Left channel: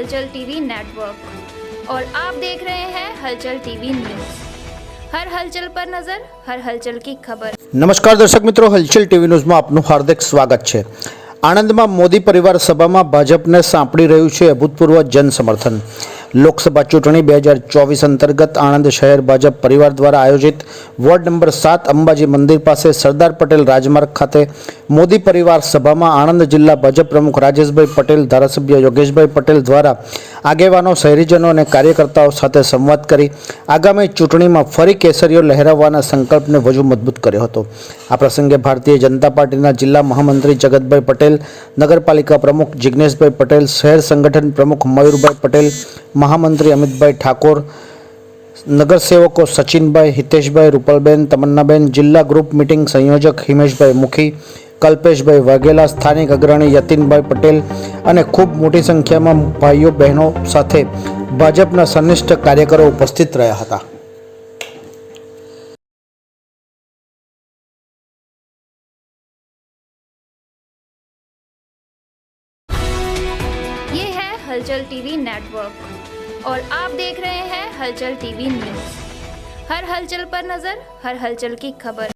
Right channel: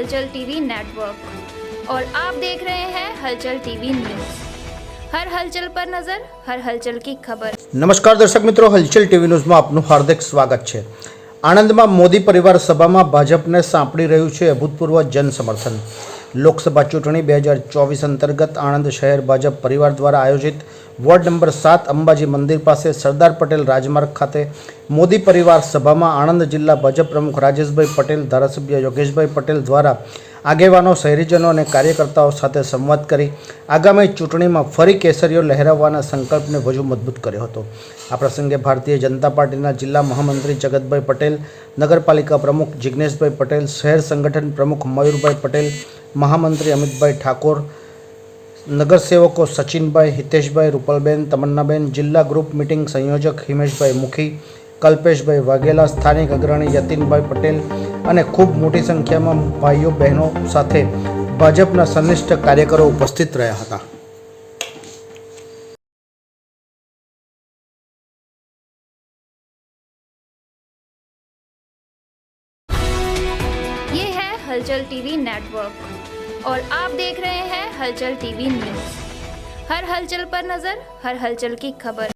हलचल TV network और आप देख रहे हैं हलचल टीवी न्यूज़। हर हलचल पर नजर, हर हलचल की खबर। नमस्कार दर्शक मित्रों, हलचल टीवी न्यूज़માં આપનું હાર્દિક સ્વાગત છે। આણંદમાં મોદી પરિવાર સભામાં ભાજપને સાંપડી રહ્યું છે અભૂતપૂર્વ જનસમર્થન। લોકસભા ચૂંટણી 2024 અંતર્ગત આણંદ શહેર ભાજપ પરિવાર દ્વારા આયોજિત વોર્ડ નંબર 7 અંબાજી મંદિર પાસે સરદાર પટેલ રાજમાર્ગ ખાતે મોદી પરિવાર સભામાં આણંદ જિલ્લા ભાજપ પ્રમુખ રાજેશભાઈ પટેલ, ધારાસભ્ય યોગેશભાઈ પટેલ દ્વારા આગેવાનો, શહેરીજનો અને કાર્યકર્તાઓ સાથે સંવાદ કરી આગામી ચૂંટણીમાં ફરી કેસરીઓ લહેરાવવાના સંકલ્પને વધુ મજબૂત કર્યો હતો। આ પ્રસંગે ભારતીય જનતા પાર્ટીના જિલ્લા મહામંત્રી જગતભાઈ પટેલ, નગરપાલિકા પ્રમુખ જિગ્નેશભાઈ પટેલ, શહેર સંગઠન પ્રમુખ મયુરભાઈ પટેલ, महामंत्री अमितभाई ठाकोर, नगरसेवकों सचिनभाई, हितेशभाई, रूपलबेन, तमन्नाबेन, जिला ग्रुप मीटिंग संयोजक हिमेशभाई मुखी, कल्पेशभाई वाघेला, स्थानिक अग्रणी यतीनभाई पटेल और खूब मोटी संख्या में भाईओ बहनों साथे भाजपना सनिष्ठ कार्यकरो उपस्थित रहा था। ये है हलचल टीवी नेटवर्क और आप देख रहे हैं हलचल टीवी न्यूज़। हर हलचल पर नजर, हर हलचल की खबर।